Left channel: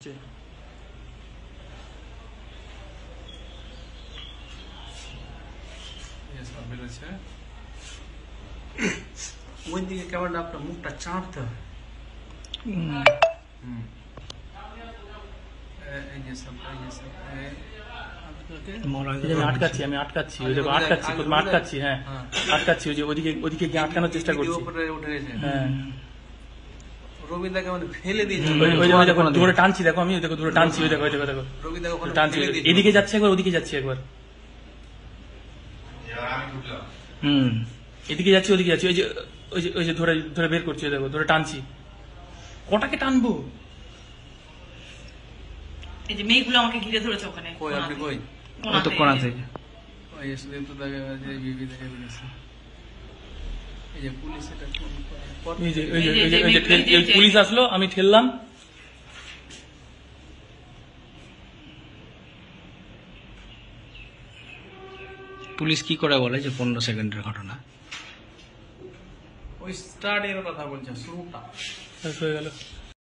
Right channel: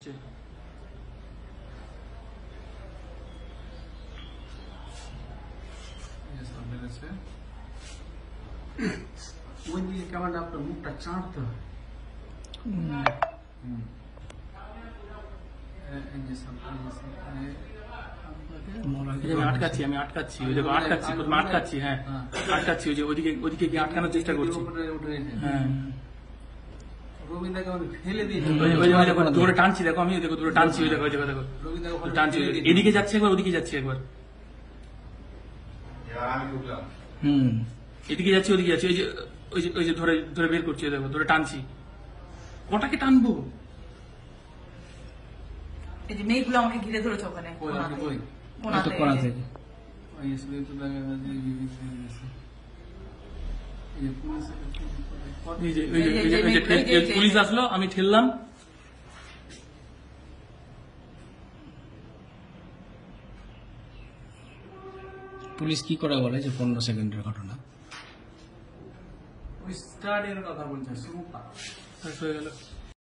ওই দিকে কেমন আপনার মুখটা চাঁদতে হবে। আটকাচ্ছি হ্যাঁ আটকাচ্ছি ওদিকে গিয়ে আটকানোর চেষ্টা করছি। হ্যাঁ রবিদাকে মানে ফেলে দিয়েছে, ধরে টানছি, দেখো আমি দেখো ধরে টানছি, দেখো টানছি, এদিকে যাচ্ছে একবার, ওদিকে যাচ্ছে একবার, এদিকে যাচ্ছে ওদিকে যাচ্ছে, ওই যে ধরে ধরে বের করছি, দেখো ধরে টানছি। কটাকে টানবো? এই যে মেয়েগুলো আমাকে ঘিরে ধরেছে ওখানে কোনা থেকে। পুলিশ আসলো, আমি ঠেললাম। পুলিশ কি করে বলে যে 15 সেকেন্ডের ঘটনা? ওই স্টার্টের কথা বলছে, শুরুটা হয়ে গেল।